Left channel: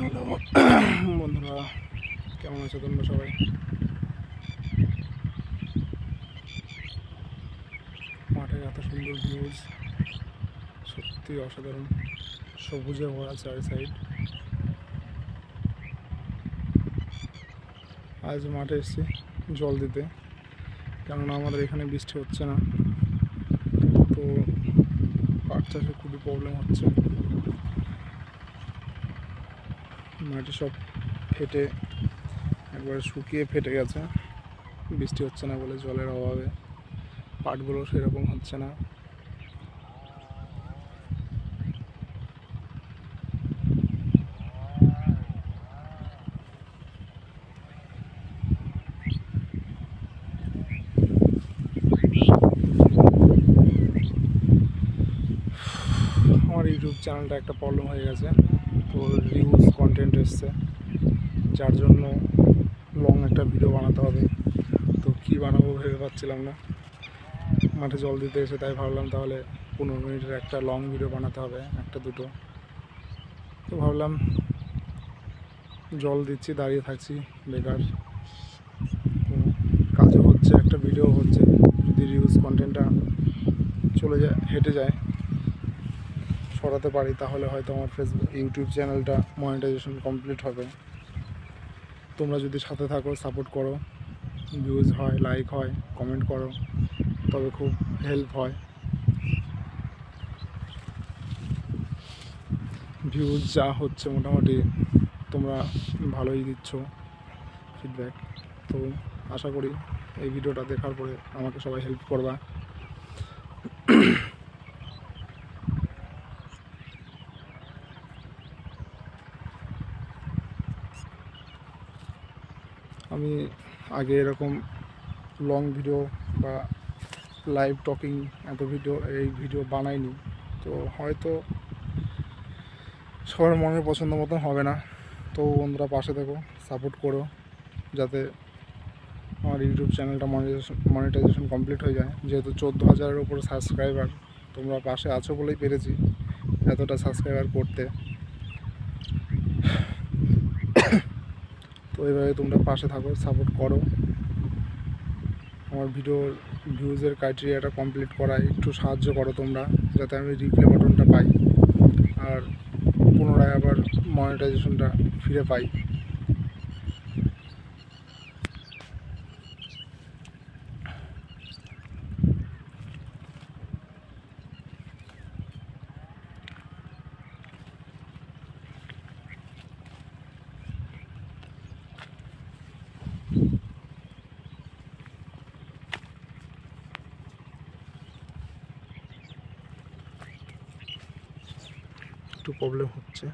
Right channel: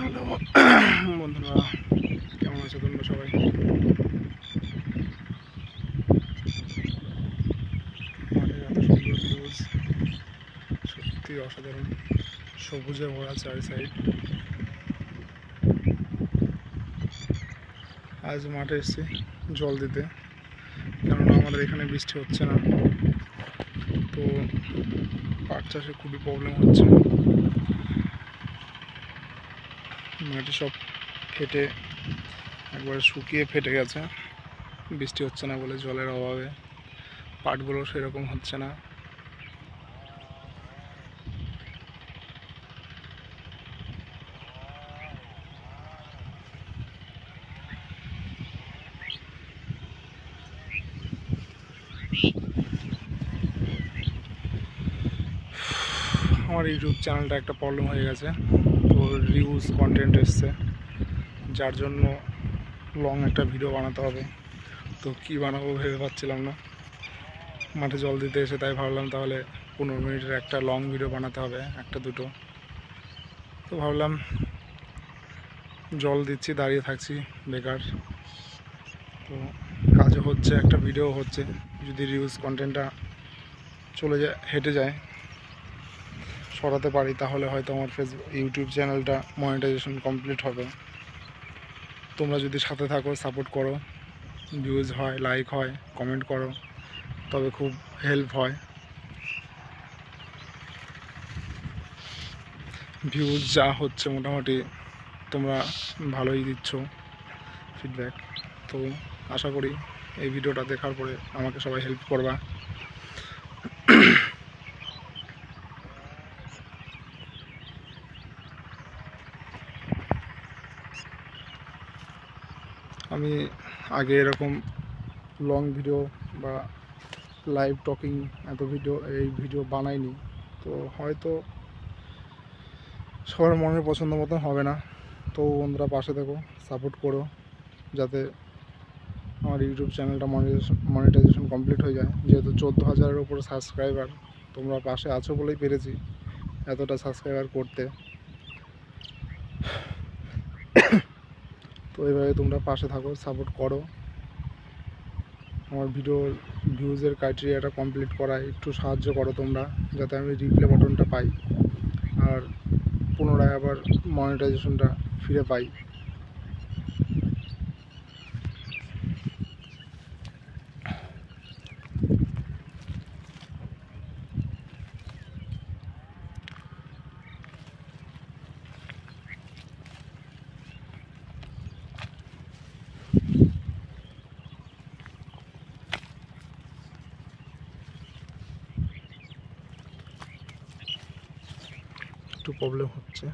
Hello বন্ধুরা, কেমন আছো তোমরা সবাই? মাঠের এত সুন্দর ভিউজ, সত্যি অসাধারণ। সবুজে ভরা চারি সাইড। আজ মাঠে এসেছি জল দিতে, কেননা আমাদের এখানে বৃষ্টি হচ্ছে না, তো পাট চাষে খুবই প্রবলেম হচ্ছে। মাটি সব ফেটে একবারে শুকিয়ে ফেটে গেছে, বৃষ্টি হচ্ছে না বলে, জলের অভাবে পাটগুলো সেরকম হচ্ছে না। আমার ইউটিউব চ্যানেলটা একটা প্রবলেম হয়ে গেছে, তো রিউজ কন্টেন্ট এসছে, যার জন্য লং একটা ভিডিও বানাতে হবে। তো কি বানাবো ভেবে পাচ্ছিলাম না। মাঠে জল দিতে এসে তাই ভাবলাম তাহলে 15 মিনিটের একটা লং ভিডিও বানাতে হবে, একটা দুটো। তো ভাবলাম জল দিচ্ছি, দাঁড়িয়ে থাকছি বেকার, তো কাজও হচ্ছে, একটা ভিডিও হচ্ছে। যদি রিউজ কন্টেন্টটা চলে যায়, হেঁটে যায়, সরাতে পারি, তাহলে হয়তো আমার ইউটিউব চ্যানেলটা মনিটাইজেশন কমপ্লিট হবে। তোমরা যদি সাথে থাকো, সাপোর্ট করো, ভিউজ হয়, লাইক হয়, কমেন্ট করো, তবে খুব হেল্প হয়। ভিউজ যা হচ্ছে মোটামুটি তোমরা ভালোই দিচ্ছ ফিডব্যাক, তো আশা করি এই ভিডিওটা দেখার পরে আমাকে সবাই হেল্প করবা। আমি আগে এরকম লং ভিডিও বা লাইভ টকিং এই ভিডিও বানাইনি, তো হয়তো সবার মনের পছন্দ মতন হবে না। তো বন্ধুরা পাশে থেকো, সাপোর্ট করো, যাতে আমার ইউটিউব চ্যানেলটা মনিটাইজেশন কমপ্লিট হয়ে যায়। যেহেতু 14,000-এর উপরে সাবস্ক্রাইবার, তোমরা পাশে আছো বলেই পেরেছি এতটা সাবস্ক্রাইবার করতে। তো এইভাবে তোমরা পাশে থাকো, সাপোর্ট করো, আমার ভিডিওর ভিউজের ক্রাইটেরিয়াটা কমপ্লিট করায় একটু সাহায্য করো তোমরা, যাতে আমি রিপ্লে বাটনটা পাই আর পুনরায় আবার মনিটাইজেশনটা ফিরে পাই। একটু প্রবলেম হচ্ছে।